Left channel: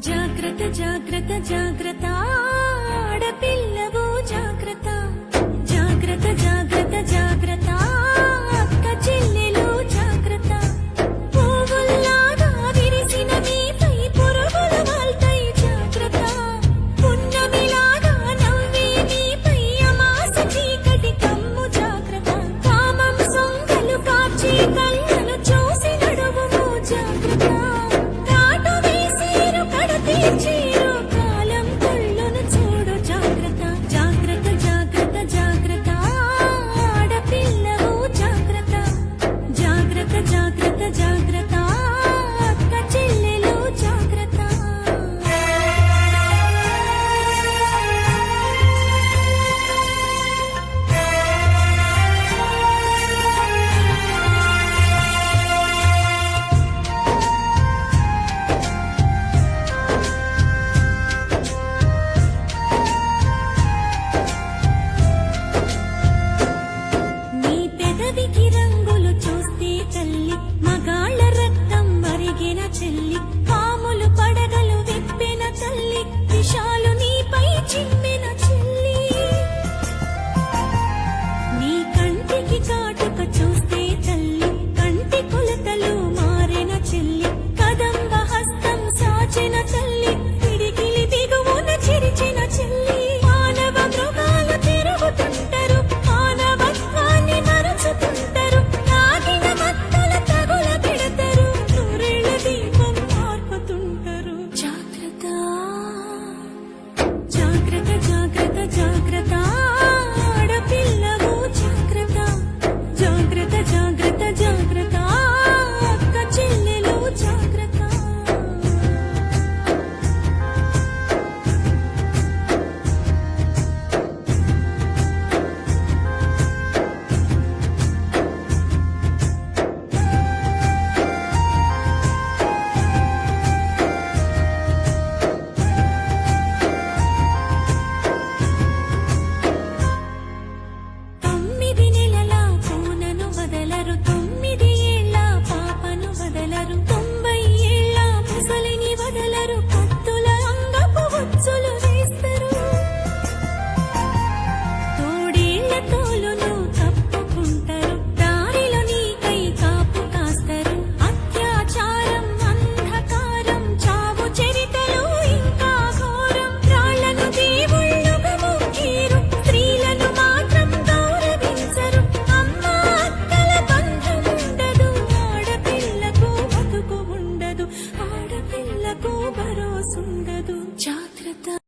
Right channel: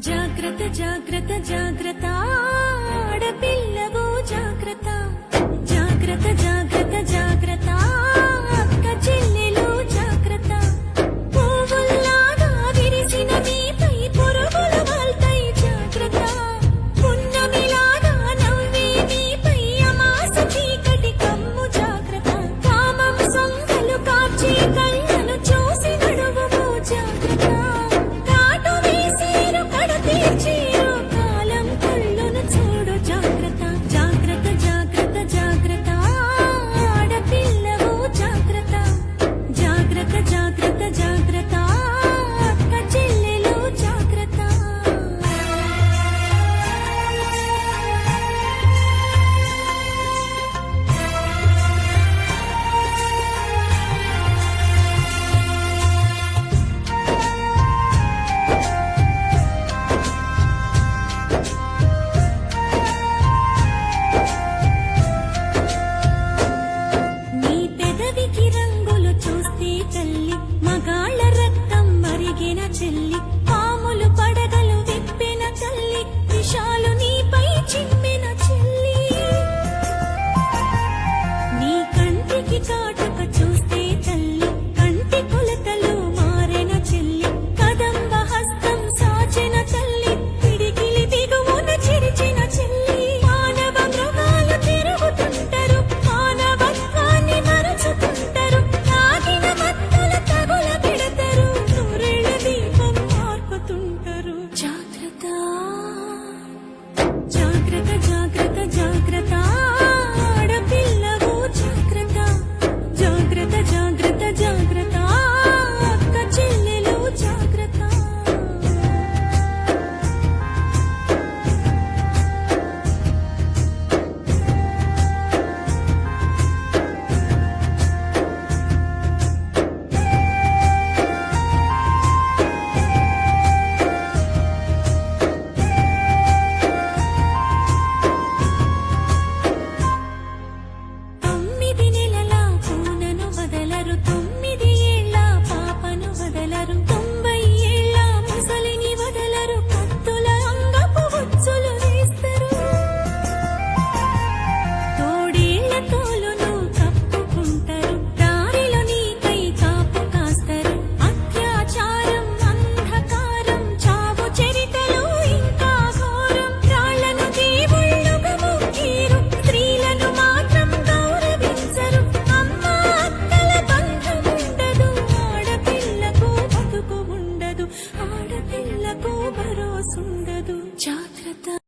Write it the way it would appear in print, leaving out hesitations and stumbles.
జాగ్రత్త జాగ్రత్త జాగ్రత్త ఆడపిల్లవు జాగ్రత్త జాగ్రత్త జాగ్రత్త జాగ్రత్త అక్క చెల్లెలు జాగ్రత్త పువ్వుల్లాగా విరిసిన మీపై పురుగులు వాల్తాయి జాగ్రత్త పున్నమిలాగా నవ్వే మీపై అమాస చీకటి కమ్ము జాగ్రత్త కామం సొంగలు కాచి కళ్ళను చూసి నడువుము జాగ్రత్త చీరు కాలం కళ్ళును చూడు జాగ్రత్త జాగ్రత్త జాగ్రత్త జాగ్రత్త ఆడపిల్లవు జాగ్రత్త జాగ్రత్త జాగ్రత్త జాగ్రత్త అక్క చెల్లెలు జాగ్రత్త పెదవికి రంగులు చూస్తే తల్లి మగాళ్ళ రక్తం మరిగిన చెల్లి పాములు పడగలు విప్పిన తల్లి విషాలు నీపై చిమ్మిన చెల్లి నీ కంటికి కాటుక చూస్తే తల్లి కంటి కొలతలు మారిన చెల్లి కదంబ హస్తం సాచిన తల్లి పిడికిలి దిగువన చిరిచిన చెల్లి మానవ మృగాలు తిరుగుతుంటారు మానవత్వాన్ని మరచుతుంటారు తాగిన మత్తుల తగుల పెడతారు నూరేళ్ల దీపం మార్పుతుంటారు జాగ్రత్త జాగ్రత్త జాగ్రత్త జాగ్రత్త ఆడపిల్లవు జాగ్రత్త జాగ్రత్త జాగ్రత్త జాగ్రత్త అక్క చెల్లెలు జాగ్రత్త వదలరు 9 ఏళ్ల పాపను వదలరు 90 ఏళ్ల ముసలిని వదలరు కత్తుల అంగపు ఉచ్చులు వేస్తారు తోడేళ్ల తోలును కప్పుకుంటారు దారిలో నీకై కాపు కాస్తారు అత్యాచారం అంధకారం చావు చరితలు ఇంకా ఘోరం రాళ్లను దేవుళ్ళుగా మొక్కిరు స్త్రీలను మాత్రం గౌరవించరు ఆడపిల్లకు భరోసుండదు జాగ్రత్త